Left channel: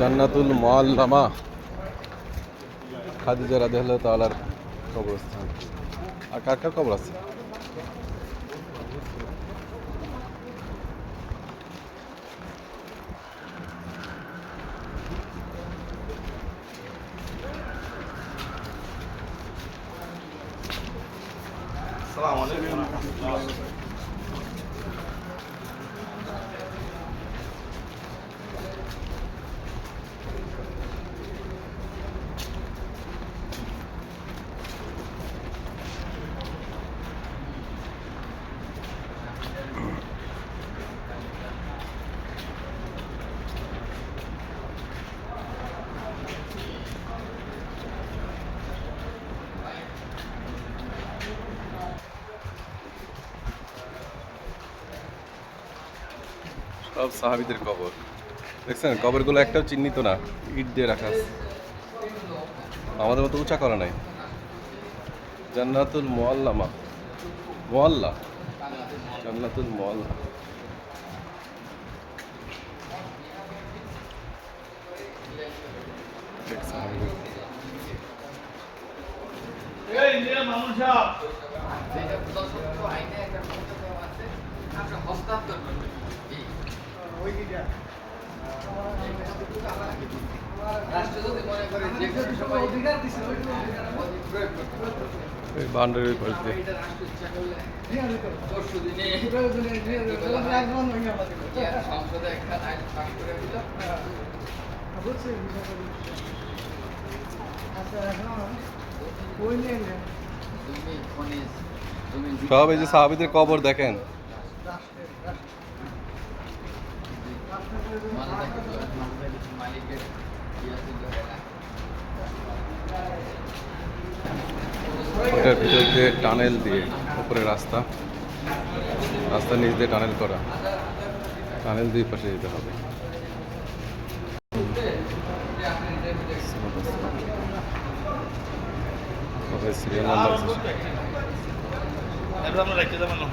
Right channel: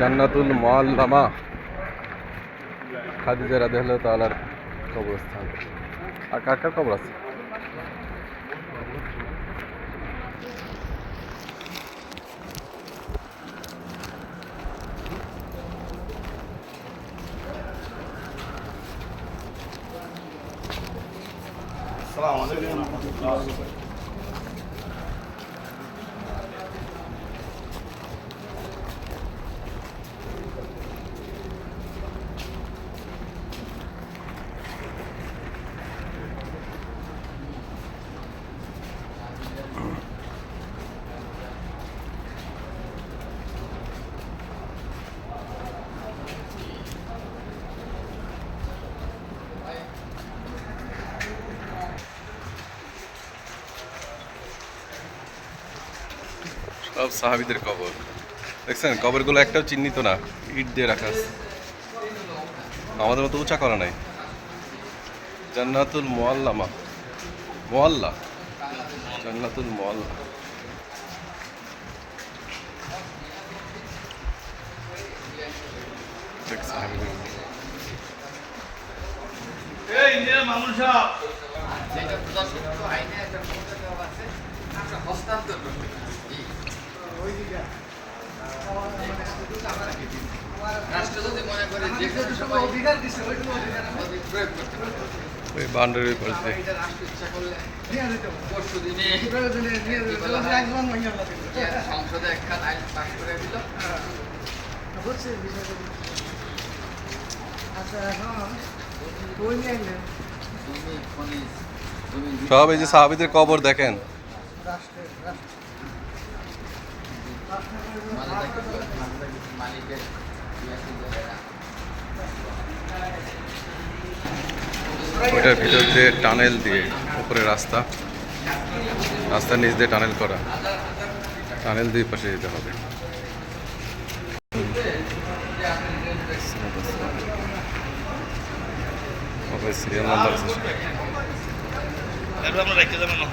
জান্নাতুল মুআল্লামা খাদিজা রাদিয়াল্লাহু তাআলার কবরস্থান। আর কার কার কবর আছে? সব সাহাবীদের কবর দেখছেন, কবরগুলো একটাও চিহ্নিত না, ইট দিয়ে রাখা আছে, আমাদের মতো উঁচা করা নাই। জান্নাতুল মুআল্লামা, মুআল্লা, জান্নাতুল মুআল্লা। দেখ সাহাবীদের এই ইন্ডিয়ার মামুন সাহেব বাউন্ডারির পাশে সংসদে একটা আইন পাস করে দিল। সব এই যে সাহাবীদের কবর দেখেন। ওইটার ভিতর দিয়ে টানেল দিয়ে উপরে রাস্তা, রাস্তার নিচ দিয়ে টানেল করা, টানেল দুই পাশে যেতে হবে। সিরিয়াল নাম্বার আমরা রাখতে যাবেন না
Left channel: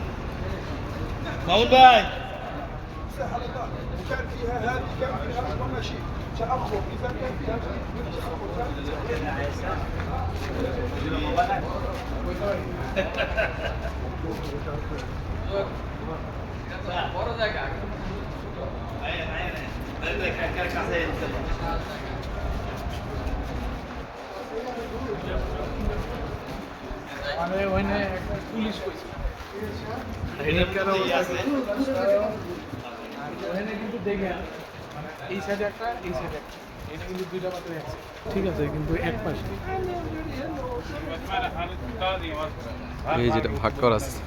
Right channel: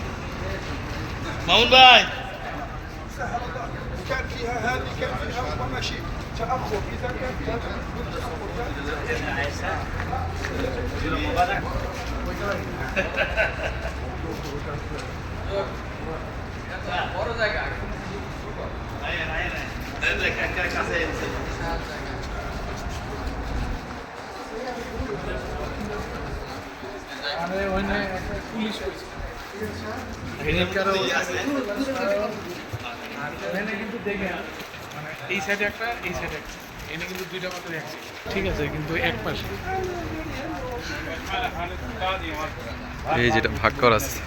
মামুন ভাই। كان فيها هذه كان فيها ربما شيء تأخر إذا كان فيها বড় জায়গা পুলিশ কিন্তু দেখে মানে এই সাইডে একটা, এই সাইডে একটা, এটা কিন্তু দুইটা মাত্র আছে, ঠিক আছে, কিন্তু এক পাশে এই যেটা ভাগ করা আছে।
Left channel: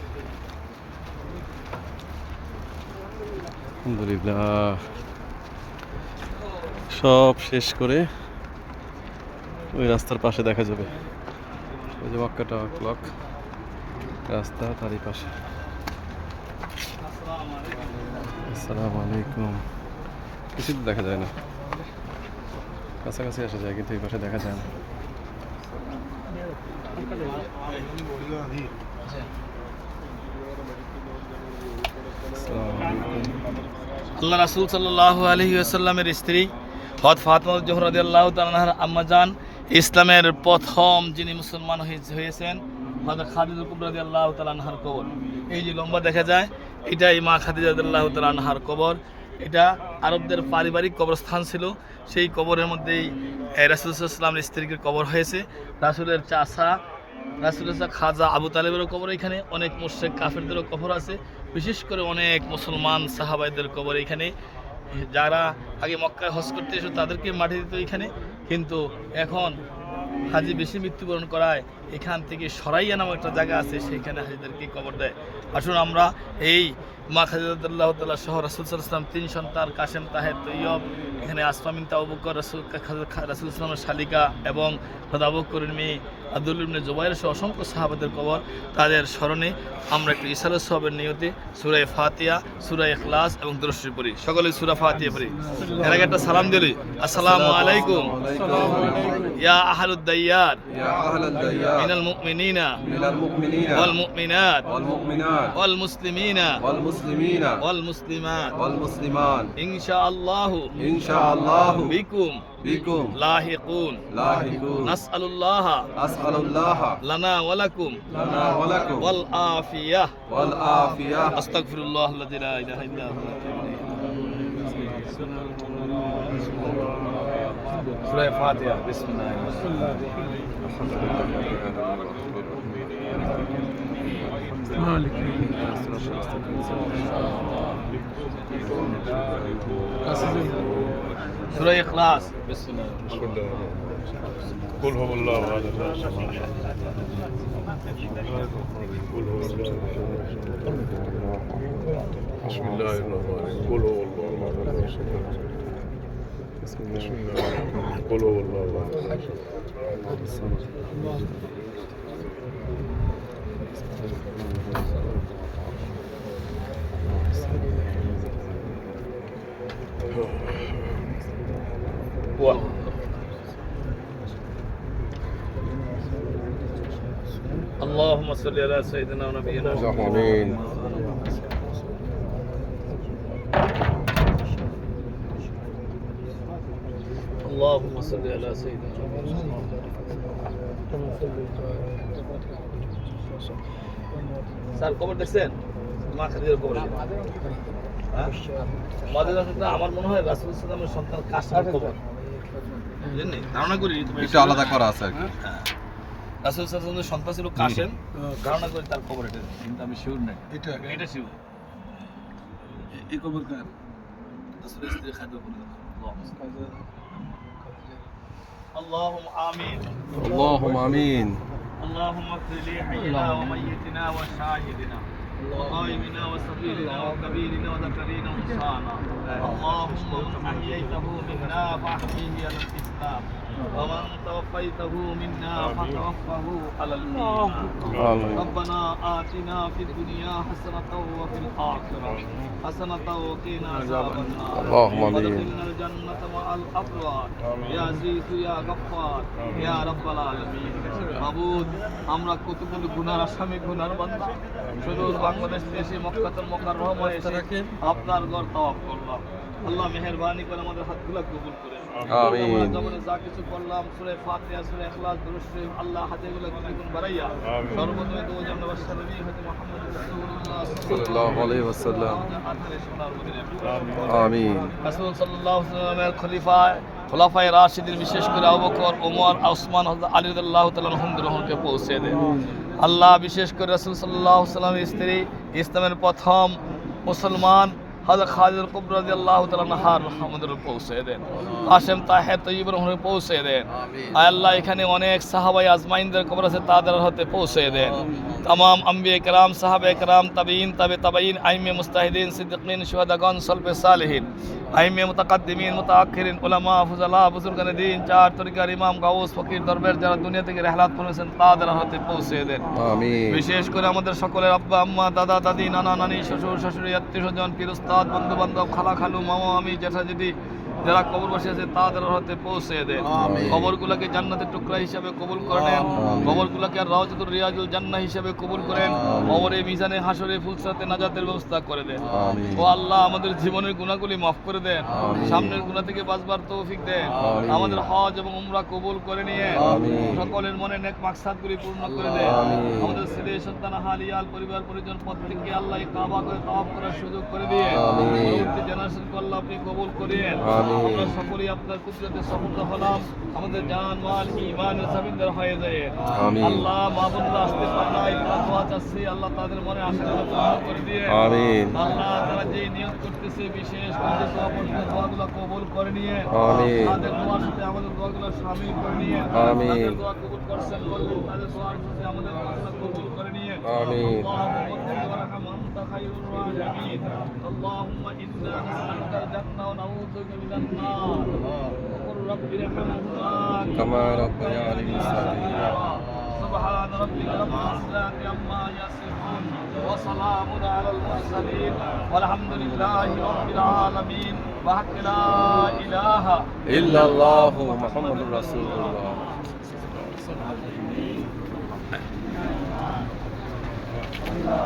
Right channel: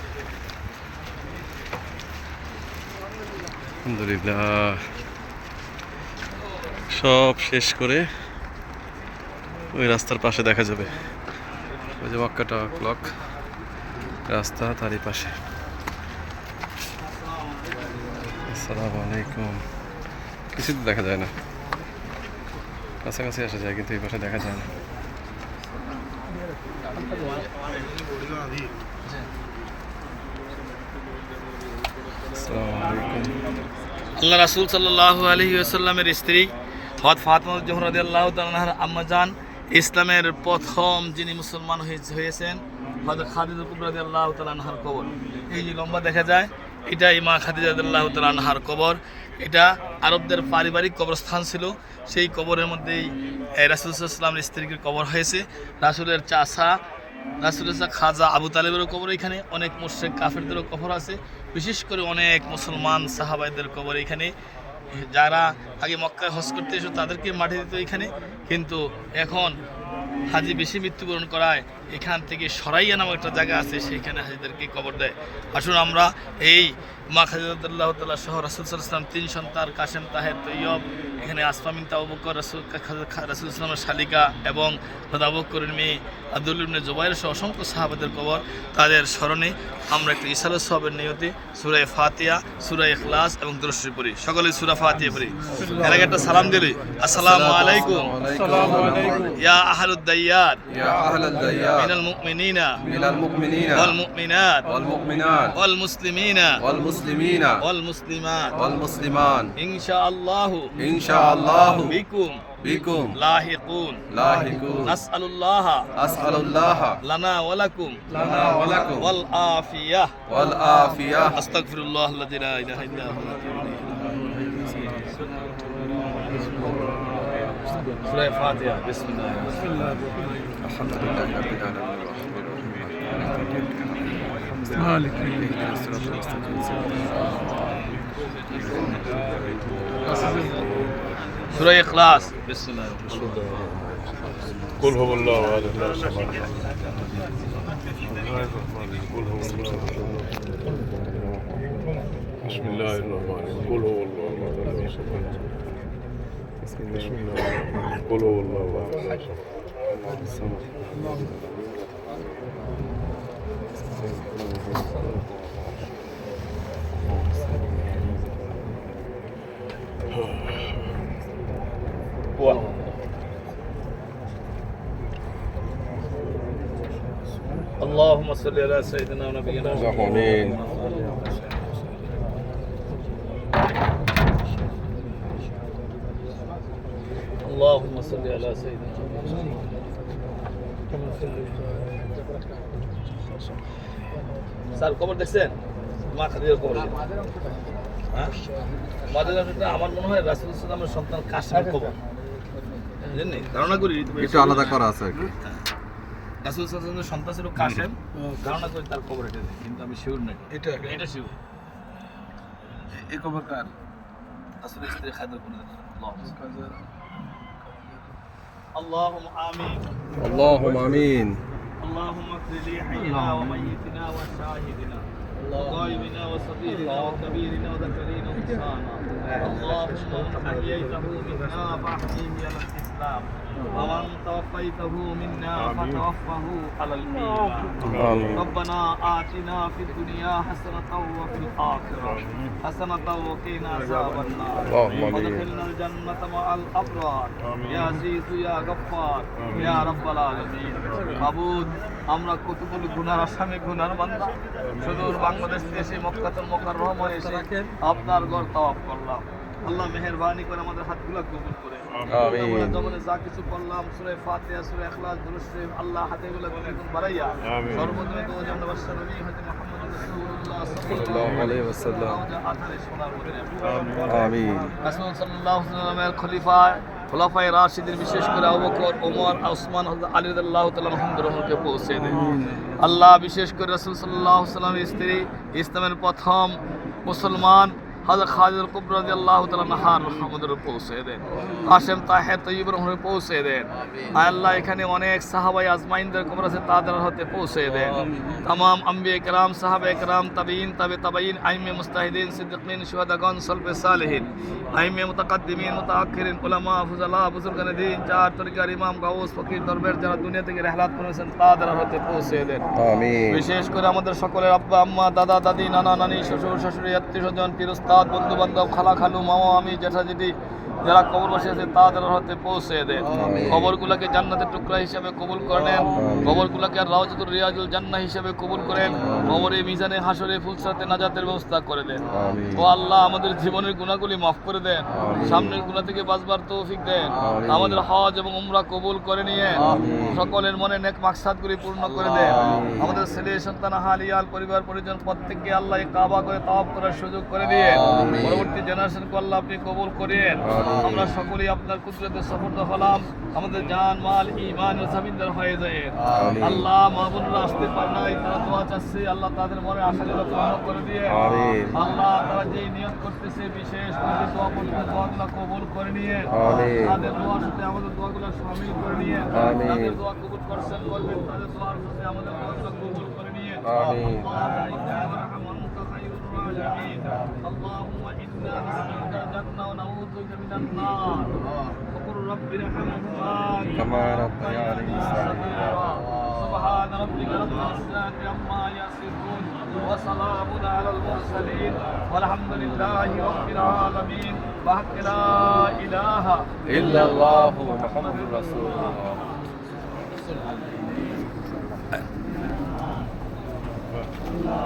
আলহামদুলিল্লাহ সব শেষ করে ওই রাস্তার পাশে দেখা যাবে ওই যে মক্কা ক্লক রাস্তা, তারই পাশে। আসসালামু আলাইকুম। কিছু তো দেখা যায় না, কাছাকাছি আসা যায় কিন্তু এই পাশে দেখা যায় না। আসসালামু আলাইকুম। আল্লাহ রাসূল সাল্লাল্লাহু আলাইহি ওয়াসাল্লামের স্ত্রী হযরত ফাতিমা জোহরা রাদিয়াল্লাহু তাআলা আনহার আম্মাজান, ইসলামের প্রথম যিনি মুসলমান হয়েছেন হযরত খাদিজা কুবরা রাদিয়াল্লাহু তাআলা আনহার কবর। এই যে লম্বা দেখা যায়, এটা মা খাদিজা রাদিয়াল্লাহু তাআলা আনহার কবর। এটা আরবদের পারিবারিক কবরস্থান ছিল। সেই কবরের মধ্যেই রাসূল সাল্লাল্লাহু আলাইহি ওয়াসাল্লামের স্ত্রীর কবর হয়েছে। রাসূলের চাচা, রাসূলের খাজা আবু তালেবেরও কবর এখানে, অনেক মুশরিক কাফেরদেরও কবর আছে, বিশেষ করে অনেক মুসলমান সাহাবাইদের কবর এখানে। যারা আগে মক্কায় হজ করতে এসে তাদেরকে মাটি দিত এখানে, কিন্তু এখন হাজি বেশি মৃত্যুবরণ করায় এখান থেকে সরাইয়া নামক একটা জায়গা আছে, সেইখানে হাজিদেরকে কবর দেয়। আসুন আমরা এই মা খাদিজা রাদিয়াল্লাহু তাআলা সহ রাসূল সাল্লাল্লাহু আলাইহি ওয়াসাল্লাম 3 সন্তান কাসেম, তাহের, তৈয়ব, এখানে আসমা বিনত আবু বকর, রাসূল ইসলামের শালিকা এবং আবু বকরের মেয়ে আব্দুল ইবনে জুবাইর সহ অসংখ্য সাহাবাদের কবর, তাদের স্মরণে আমরা একটু ইসালাত সওয়াবের নিয়তে সূরা ফাতিহা, সূরা ইখলাস এবং দুরূদ শরীফ পড়ি। সকলে সূরা ফাতিহা পড়ি। এর আগে একটা সালাম দিলি, আসসালামু আলাইকুম ইয়া আহলুদ الديار يا أهل من الديار المؤمنين من المؤمنين والمؤمنات والمؤمنات والمسلمين والمسلمين والمسلمات والمسلمان إن شاء الله إن شاء الله بكم بكم لاحقون لاحقون نسأل الله أسأل الله لنا ولكم لنا ولكم والعافية والعافية. أستغفر الله الذي لا إله إلا هو سورة الفاتحة بسم الله الرحمن الرحيم الحمد لله رب العالمين الرحمن الرحيم مالك اهدنا الصراط المستقيم سورة إخلاص بسم الله قل هو الله احد الله الصمد قل هو الله بسم الله الرحمن الرحيم قل هو الله احد بسم الله قل هو الله احد اللهم صل على سيدنا ونبينا آمين. اللهم صل على سيدنا স্যার খবর দেখছেন মা খাদিজার খবর হ্যাঁ মাদারটা আমার মনে হয় রাসূল সাল্লাল্লাহু আলাইহি ওয়াসাল্লামের সন্তান কাসেমের খবর বুঝলেন ধারণা করি একটু আলাদা করা আছে আর কি। রাসূল সাল্লাল্লাহু আলাইহি ওয়াসাল্লামের সন্তান ছিল কাসেম ধারণা করি তার খবর এটা কিন্তু আমি শিওর না এটা শিওর এই খবর কার রাসূলের স্ত্রী খাদিজা বলে اللهم آمين اللهم آمين. اللهم اغفر لي حينا وميتنا وشاهدنا وغائبنا وصغيرنا وكبيرنا وذكرنا وانثانا اللهم من احييته منا فاحييه على الاسلام ومن توفيته منا فتوفه على الايمان آمين. ربنا آتنا في الدنيا حسنة وفي الآخرة حسنة وقنا عذاب النار اللهم آمين. وادخلنا الجنة مع الأبرار يا عزيز يا غفار يا رب العالمين মাবুদ আমরা কতগুলো গুনার আসামি গুনার বান্দা সুদূর বাংলাদেশ দেশে মক্কাতুল মুকাররমে এসে আপনার ঘর তওয়াফ করলাম আল্লাহ মেহেরবানি করে আমাদের হাতগুলো কবুল করে আমিন। জীবনে যা কিছু করলাম সূরা ফাতিহা সূরা ইখলাস দুরূদ শরীফ আল্লাহ হাতেগুলো দ্বিগুণ বাড়াইয়া সর্বপ্রথমে তো জান্নাত বাসা নবী হযরত মুহাম্মদ রাসূলুল্লাহ সাল্লাল্লাহু আলাইহি ওয়াসাল্লাম। আধারে সোনার মদিনায় আমিন। রাসূল সাল্লাল্লাহু আলাইহি ওয়াসাল্লামের খলিফা খোলাফায়ে রাশিদিন বিশেষ করে আবু বকর ওমর ওসমান হযরত আলী রাদিয়াল্লাহু তাআলা আনহুকে পৌঁছে দেন আল্লাহ বিশেষ করে রাসূল সাল্লাল্লাহু আলাইহি ওয়াসাল্লামের স্ত্রী ইসলামের প্রথম মুসলমান হযরত খাদিজা কুবরা রাদিয়াল্লাহু তাআলা আনহার রহমতের পৌঁছে দেন হাশেম তাহের তৈয়ব রহমতের পৌঁছে দেন আয় আল্লাহ এখানে অনেক সাহাবায়ে আজমাইনদের কবর আছে তাদের হাতে পৌঁছে দেন तमाम अंबिया کرام साहबे کرام तबीन तबे तबईन आइमे मुस्ताहिदीन सिद्दीकीन शुहदागान सल्फ़े सालिहीन आइमे मुतक़द्दिमीन मुतअख्खिरीन उलमा फुज़ला बुजुर्गान दीन चार तरीक़ार इमाम गाउस फकीर दरबार যারা দুনিয়া থেকে রিহলাত করেছেন তাদের হাতে পৌঁছে দেন আমিন। বিশেষ করে আমাদের সকলের আব্বা আম্মা দাদা দাদি নানা নানি শ্বশুর শাশুড়ি আত্মীয় স্বজন পীর উস্তাদ বন্ধু বান্ধব খালা খালু মামা আমি জেঠা জেঠি যারা কবর বসে আছে তাদের হাতে পৌঁছে দেন কবরগুলোকে জান্নাতের টুকরা হিসেবে কবুল করে নেন কবরগুলোকে রাওজাতুর রিয়াজুল জান্নাহ হিসেবে কবুল করেন কবরে মিজানে হাসরে ফুলসাতে নাজাতের ব্যবস্থা করে দেন আমিন। ও আল্লাহ আমাদের জীবনের গুনাহগুলি মাফ করে দেন সামনের গুনাহ থেকে বাঁচবার তৌফিক দেন আমিন। আমাদের হজ এবং উমরা কবুল করে নিয়ে আমিন। সকলের মনে নেক মাকসাদগুলি পূর্ণ করে দেন আমিন। আমাদের ছেলে সন্তান হালিয়াল পরিবার পরিজন প্রত্যেককে আল্লাহ এই কাবা করে তাওয়াফ করার সুযোগ করে দিয়ে আমিন। পরবর্তী জেনারেশনকে আল্লাহ আপনি কবুল করেন আমিন। আমরা সকলেই আপনার কুদরতে সফলতা হলাম আমাদের জান মাল ঈমানের জমিনদার হয়ে যায় আমিন। আল্লাহ মাহবুবুল্লাহ আসতে পারে নাই তারা দোয়া চাচ্ছে আল্লাহ তাদের মনে আশাগুলো পূর্ণ করে দিয়ে আমিন। আল্লাহ তারা যে নিয়ত করতেছে বিশেষ করে দোয়া করতে দোয়াগুলো কবুল করে নিয়ে আমিন। তাদের দোয়ার সাথে আমাদের দোয়াগুলো শামিল করে নিয়ে আমিন। তাদের দোয়া কবুল করছেন করবেন তাদের দোয়ার সাথে আমাদের দোয়াগুলো কবুল করে নিয়ে আমিন। اللهم إنا نسألك الجنة ونعوذ بك من النار وقل رب ارحمهما كما ربياني صغيرا. سبحان ربك رب العزة عما يصفون وسلام على المرسلين والحمد لله رب العالمين وحق لا إله إلا الله محمد رسول الله.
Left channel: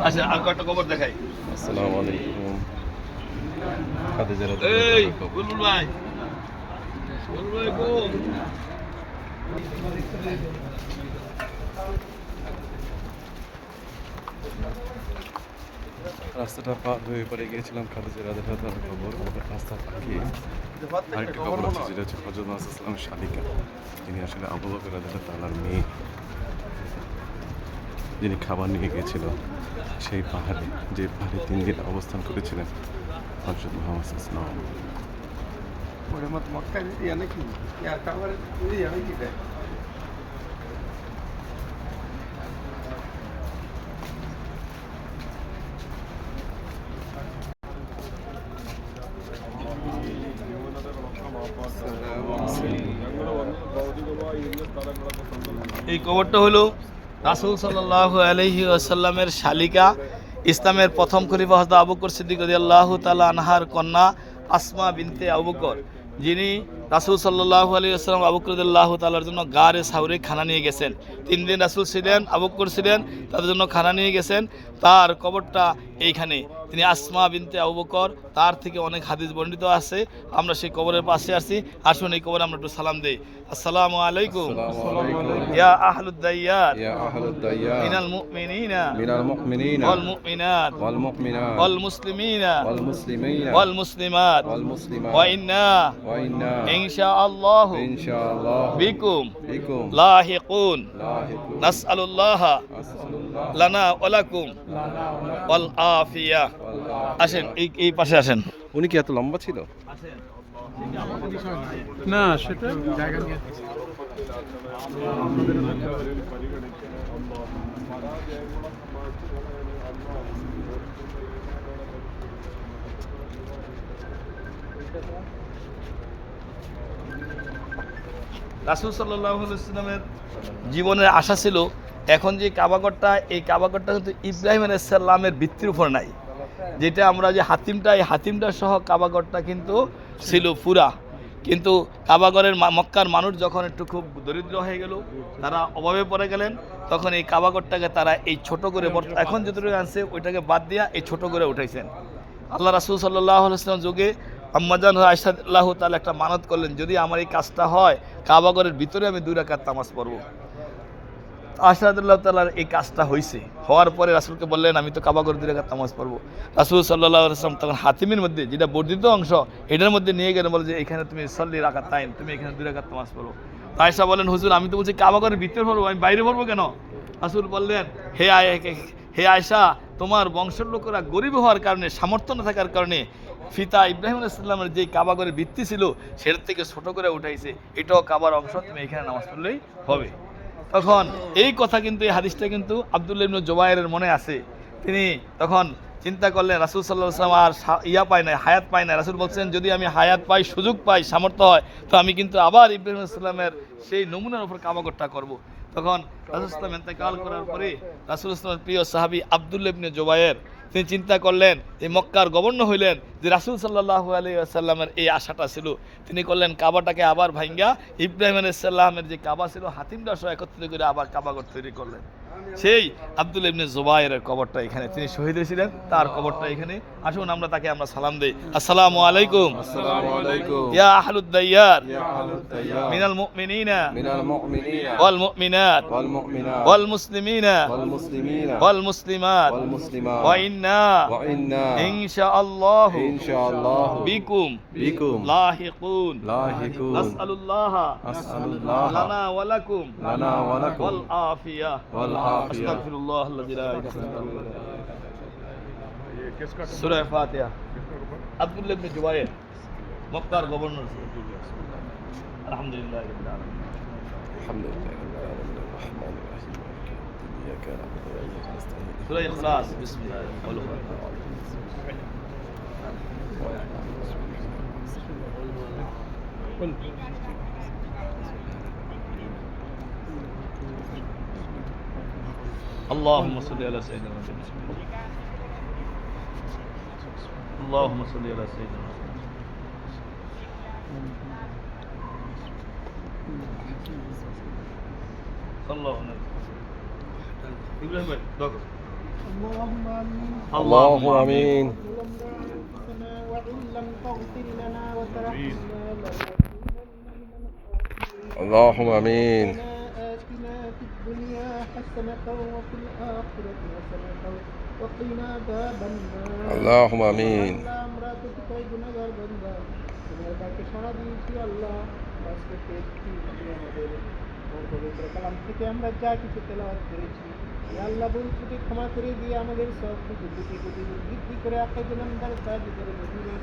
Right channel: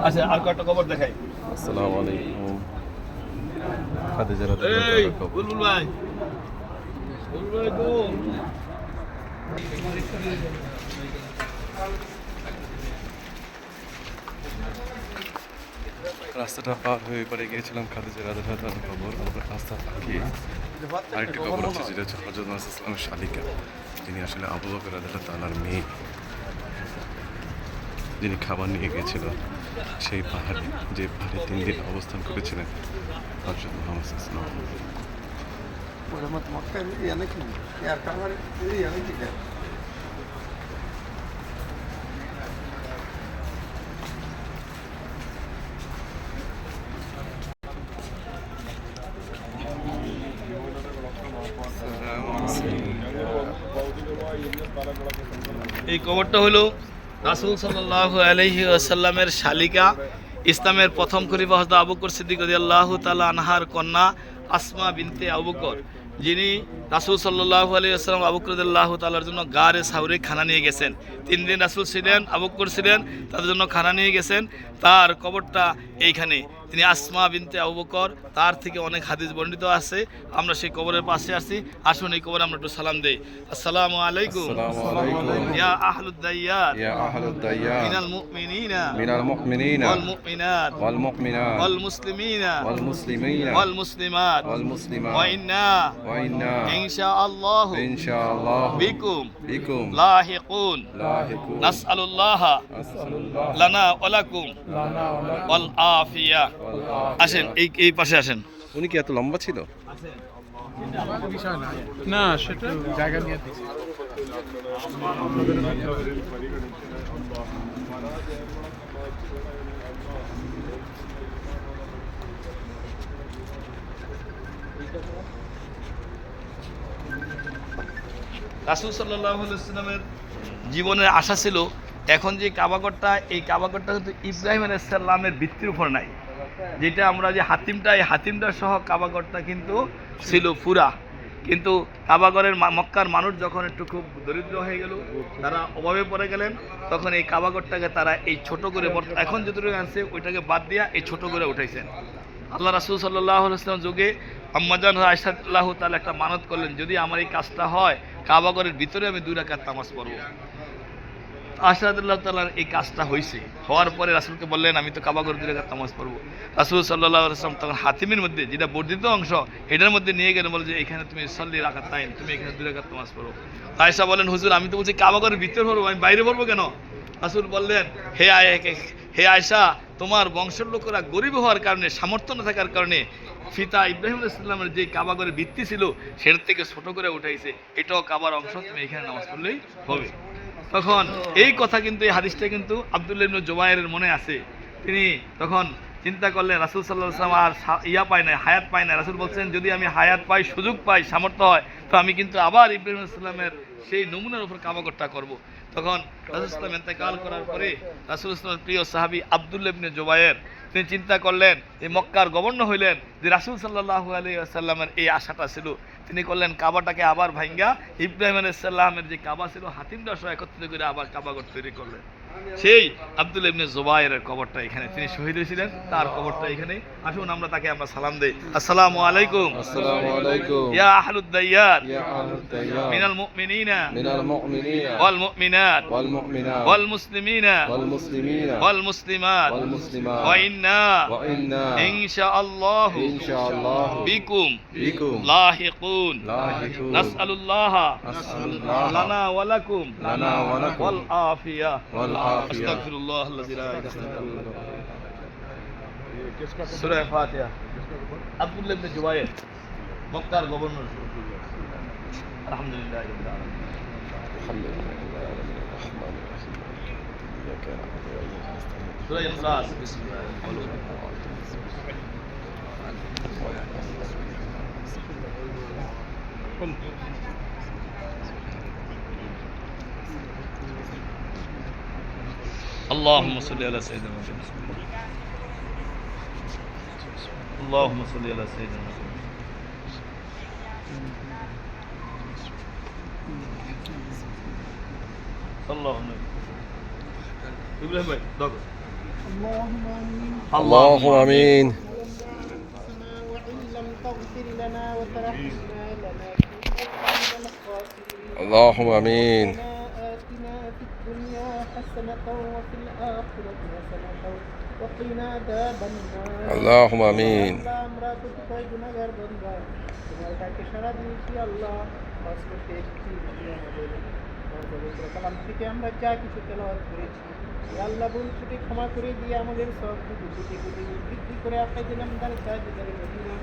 আচ্ছা আর কয়েকটা কবর দেখাই। আসসালামু আলাইকুম। খাদিজা রাদিয়াল্লাহু এই তাআলার কবর। বুলবুল ভাই, বুলবুল ভাই কোন? রাস্তাটা পার হয়ে পরে গিয়েছিলাম খাদিজা রাদিয়াল্লাহু তাআলার কবর। আমরা রাস্তা পাকিয়ে আরেকটা কবর আছে যেটা হচ্ছে হযরত মুহাম্মদ সাল্লাল্লাহু আলাইহি ওয়াসাল্লামের শালিকা, তিনি আসলে আবু বকর রাদিয়াল্লাহু তাআলার মেয়ে, যিনি খাবার নিয়ে গিয়েছিল সেই পাহাড়ে, যে পাহাড়ে 3 দিন অবস্থান করেছিলেন হযরত মুহাম্মদ সাল্লাল্লাহু আলাইহি ওয়াসাল্লাম। এই কবরটা হলো রাসূল সাল্লাল্লাহু আলাইহি ওয়াসাল্লামের শালিকা, ইসলামের প্রথম খলিফা হযরত আবু বকর সিদ্দিক রাদিয়াল্লাহু তাআলা আনহার কন্যা আসমা বিনতে আবু বকর, যিনি রাসূল সাল্লাল্লাহু আলাইহি ওয়াসাল্লাম আবু বকর রাদিয়াল্লাহু তাআলার জন্য গারে সাউরে খানা নিয়ে গেছেন। 3 দিন রাসূল ছিলেন, আবু বকর ছিলেন, তাদের জন্য খানা নিয়ে গেছেন। তার কবরটা এইখানে। তিনি আসমা বিনতে আবু বকর, তার থেকে অনেক হাদিস বর্ণিত আছে। আমরা সেই কবরের পাশে আছি, আসুন এই কবরে আমরা একটু সালাম দেই। আসসালামু আলাইকুম আসসালামু আলাইকুম ইয়া আহলুদ দাইয়ার ইয়া আহলুদ দাইয়ার মিনাল মুমিনিনা মিনাল মুমিনিনা ওয়াল মুমিনাত ওয়াল মুমিনাত ওয়াল মুসলিমিনা ওয়াল মুসলিমিনা ওয়াল মুসলিমাত ওয়াল মুসলিমাত ওয়া ইন্না ইনশাআল্লাহু ইনশাআল্লাহ বিকুম বিকুম লাহিকুন লাহিকুন নাসআলুল্লাহ আসসালামু লানা ওয়া লাকুম ওয়াল আফিয়া। আসেন এই পাশে আসেন। উনি কি এত লম্বা ছিল? না সেটা জায়গা নিয়ে রাসূল সাল্লাল্লাহু আলাইহি ওয়াসাল্লামের জীবনের আশা ছিল এখন যে কাবাগরটা, এই কাবাগরটা কিন্তু ইব্রাহিম আলাইহিস সালামের ভিত্তির উপর নাই, যেটা আমরা যে হাতিমটা, এই হাতিমটা সহ কাবাগরটা কিন্তু ছিল পুরা। কিন্তু কাবাগরের মক্কার মানুষ যখন একটু খুব দরিদ্র হয়ে গেল, তারা অভাবে পড়ে গেলেন, তখন এই কাবাগরটাকে তারা এই ছোট করে এখন যতটুকু আনছে ওইটাকে বাদ দিয়া এই ছোট করে উঠাইছেন। আল্লাহ রাসূল সাল্লাল্লাহু আলাইহি ওয়াসাল্লাম যুগে আম্মাজান আয়েশা রাদিয়াল্লাহু তাআলা একটা মানত করলেন, যদি আমার এই কাজটা হয় কাবাগরের ভিতরে আমি 2 রাকাত নামাজ পড়ব। আয়েশা রাদিয়াল্লাহু তাআলার এই কাজটা হয়েছে, হওয়ার পরে রাসূলকে বললেন আমি তো কাবাগর 2 রাকাত নামাজ পড়ব। রাসূল সাল্লাল্লাহু আলাইহি ওয়াসাল্লাম তখন হাতিমের মধ্যে, যেটা বর্ধিত অংশ, এটার মধ্যে নিয়ে গেলেন, বলে যে এখানে তুমি সল্লি রাকাতাইন, তুমি এখানে 2 রাকাত নামাজ পড়ো। আয়েশা বলেন হুজুর আমি তো বলছি কাবাগরের ভিতরে পড়বো, আমি বাইরে পড়বো কেন? রাসূল বললেন হে আয়েশা, তোমার বংশের লোকেরা গরিব হওয়ার কারণে, সামর্থ্য না থাকার কারণে পিতা ইব্রাহিম আলাইহিস সালামের যে কাবাগরের ভিত্তি ছিল সেটার থেকে ছোট করে উঠাইছে, এটাও কাবার অংশ, তুমি এখানে নামাজ পড়লেই হবে। তখন এই কথা কিন্তু, এই হাদিসটা কিন্তু আব্দুল্লাহ ইবনে জুবায়েরের মনে আছে। তিনি তখন চিন্তা করলেন রাসূল সাল্লাল্লাহু আলাইহি ওয়াসাল্লাম আর পায় না, হায়াত পায় না। রাসূল বলছেন যদি আমি হায়াত পাই, সুযোগ পাই, সামর্থ্য হয়, তো আমি কিন্তু আবার ইব্রাহিম আলাইহিস সালামের সেই নমুনার উপর কাবাগরটা করব। তখন রাসূল সাল্লাল্লাহু আলাইহি ওয়াসাল্লাম ইন্তেকাল করার পরে রাসূল সাল্লাল্লাহু আলাইহি ওয়াসাল্লামের প্রিয় সাহাবী আব্দুল্লাহ ইবনে জুবায়ের তিনি চিন্তা করলেন, এই মক্কার গভর্নর হইলেন, যে রাসূল সাল্লাল্লাহু আলাইহি ওয়াসাল্লামের এই আশাটা ছিল, তিনি করলেন কাবাটাকে আবার ভাঙ্গা ইব্রাহিম আলাইহিস সালামের যে কাবা ছিল হাতিমটা সহ একত্রিত করে আবার কাবাগর তৈরি করলেন। সেই আব্দুল্লাহ ইবনে জুবায়েরের কবরটা এখানে, তিনি শহীদ হয়েছিলেন, তার কবরটা এখানে। আসুন আমরা তাকে আমরা সালাম দেই। আসসালামু আলাইকুম আসসালামু আলাইকুম ইয়া আহলুদ দাইয়ার ইয়া আহলুদ দাইয়ার মিনাল মুমিনিনা মিনাল মুমিনিনা ওয়াল মুমিনাত ওয়াল মুমিনাত ওয়াল মুসলিমিনা ওয়াল মুসলিমিনা ওয়াল মুসলিমাত ওয়াল মুসলিমাত ওয়া ইন্না ইনশাআল্লাহু ইনশাআল্লাহ বিকুম বিকুম লাহিকুন লাহিকুন নাসআলুল্লাহ নাসআলুল্লাহ লানা ওয়া লাকুম লানা ওয়া লাকুম ওয়াল আফিয়া ওয়াল আফিয়া। আস্তাগফিরুল্লাহ আল্লাযী লা ইলাহা ইল্লাল্লাহ। সূরা ফাতিহা। আব্দুল্লাহ ইবনে জুবায়ের মক্কার গভর্নর। আলহামদুলিল্লাহ রাব্বিল আলামিন। আলহামদুলিল্লাহি রাব্বিল আলামিন আর-রাহমানির রাহিম মালিকি ইয়াউমিদ্দিন ইয়াকা না'বুদু ওয়া ইয়াকা নাস্তাঈন সূরা ইখলাস। বিসমিল্লাহ। اللهم صل على سيدنا محمد. اللهم صل على سيدنا محمد. সাল্লাল্লাহু আলাইহি ইব্রাহিম ভাই দেখো اللهم آمين اللهم آمين آتنا في الدنيا حسنة وفي الآخرة حسنة وقنا عذاب النار اللهم آمين আল্লাহ আমরা কতিপয় গুনাহগার বান্দা তোমার ডাকে সাড়া দিয়েছি আল্লাহ বাস করতে এসেছি আমাদের পবিত্র কালাম থেকে আমরা যা কিছু তেলাওয়াত করেছি ইয়া আল্লাহ ভুল ত্রুটি ক্ষমা করে দিয়ে আমাদের সবটুকু কোটি কোটি বৃদ্ধি করে আপনার জন্য দান সাহায্য করে মদিনা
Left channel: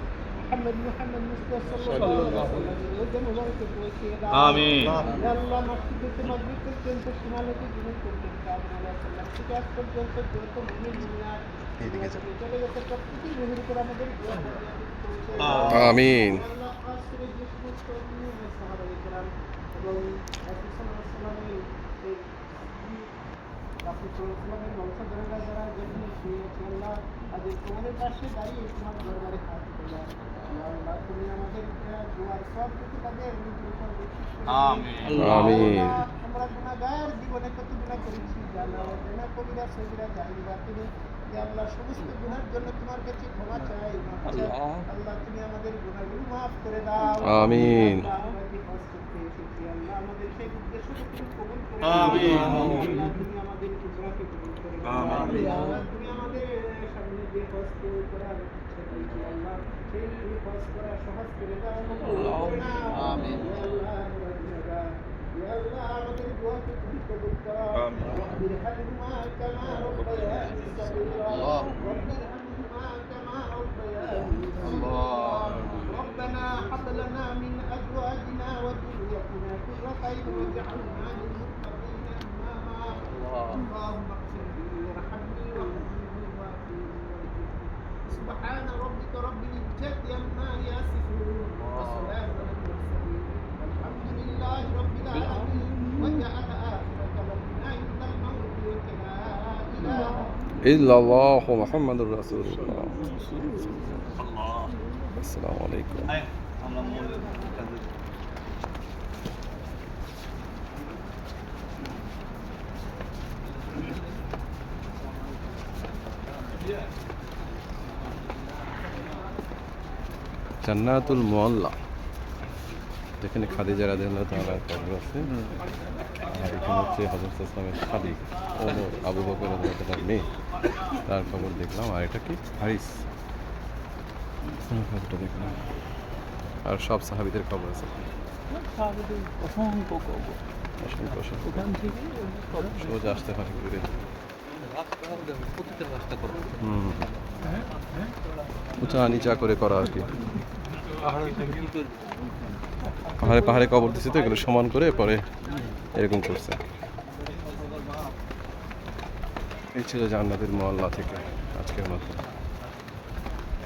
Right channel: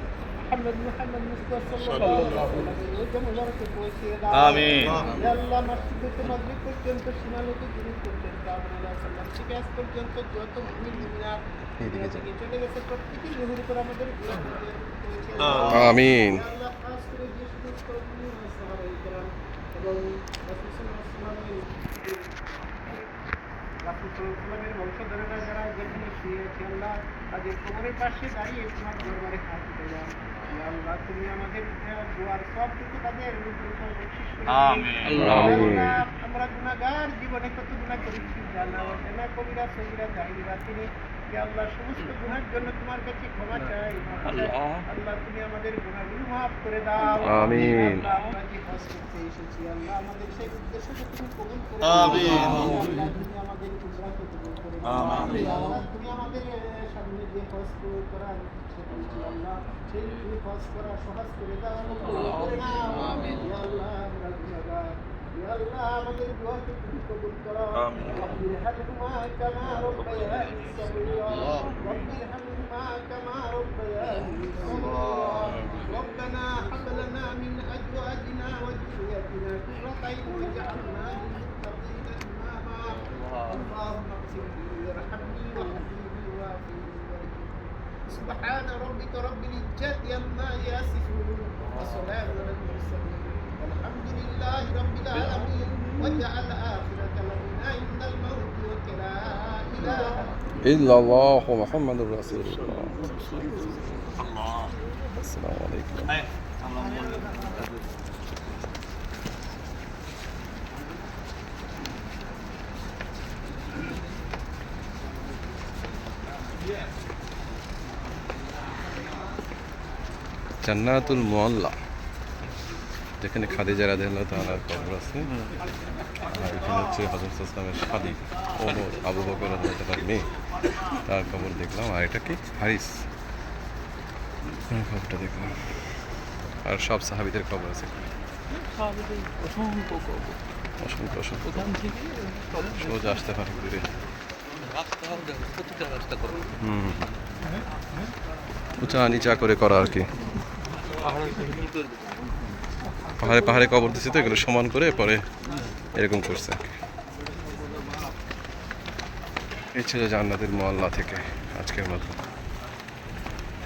মুহাম্মদ মুস্তাফা সাল্লাল্লাহু আলাইহি ওয়াসাল্লাম মুবারকে পৌঁছে দাও আমিন। ইয়া আল্লাহ মসজিদ থেকে মাগরিব পর্যন্ত সীমালোকে জীবন করতে সাল্লাল্লাহু থেকে আজ পর্যন্ত যত মুমিন মুমিনাত এদিকে চলে গেছে প্রত্যেকটি রুহের উপর আমাদের দোয়া পৌঁছে দাও آمين আল্লাহ খাস করে যে সমস্ত মুমিন সাহাবায়ে কেরাম এবং রাসূল সাল্লাল্লাহু আলাইহি রাসূলের বংশধরেরা যারা যেখানে শুয়েছে আল্লাহ তাদের কোমরের পাশে দাঁড়িয়ে তোমার দরবারে হাত পেলাম ইয়া আল্লাহ তুমি আমাদের দোয়ার সবটুকু তাদের রূপের উপর বকশিশ করে দিও। আমিন। আমিন। আমরা গুনাহগার জীবনে কত গুনাহ করেছি জানা অজানা কবিরা সগীরা জাহির বাতিনি ইয়া আল্লাহ সমস্ত গুনাহের জন্য তোমার কাছে ক্ষমা চাই মাফ চাই। আল্লাহ তুমি আমাদের গুনাহগুলো মাফ করে দাও আমিন। আল্লাহ আমরা যে হজ করতে এসেছি আল্লাহ আমাদের সেই উদ্দেশ্যকে তুমি কবুল করে আমিন। আল্লাহ তুমি আমাদের উমরাকে কবুল করে আমিন। আল্লাহ তুমি আমাদের সামনে যে হজ করার ইচ্ছে করেছি আল্লাহ সেই হজ করা সহজ করে দাও কবুল করে নাও আমিন ইয়া আল্লাহ আমরা গুনাহগার ইয়া আল্লাহ আমাদের দোয়াকে তুমি কবুল করো রব্বির হামহুমা কামা রব্বায়ানি সগীরা রব্বির হামহুমা কামা রব্বায়ানি সগীরা ربنا هب لنا من ازواجنا وذريتنا قرة اعين واجعلنا للمتقين اماما اللهم اغفر لي وارحمني واهدني وعافني وارزقني سبحان ربك رب العزة عما يصفون وسلام على المرسلين والحمد لله رب العالمين واجعل آخر كلامنا عند الموت ولا إله إلا الله محمد رسول الله السلام عليكم আয় আমরা জান্নাতুল মুআল্লা যেখানে খাদিজা রাদিয়াল্লাহু তাআলার কবর আছে আর এখানে হচ্ছে হযরত ইসলামের শাদী ওমর আবু বকর রাদিয়াল্লাহু তাআলার মেয়ে তার কবর দেখলাম আর এটা কি হারিস কবরটা দেখলাম আর সব সাহাবীদের কবর আছে অসংখ্য অসংখ্য সোজা আসতে পারে ঘুরে উঁচা নিচা করে করা আর কি পাহাড়ে পাহাড়ে কবর দিচ্ছে তো এগুলো সমান করে পরে এরকম করছে আর কি এই ছিল জান্নাতুল মুআল্লা থেকে আজকের মতো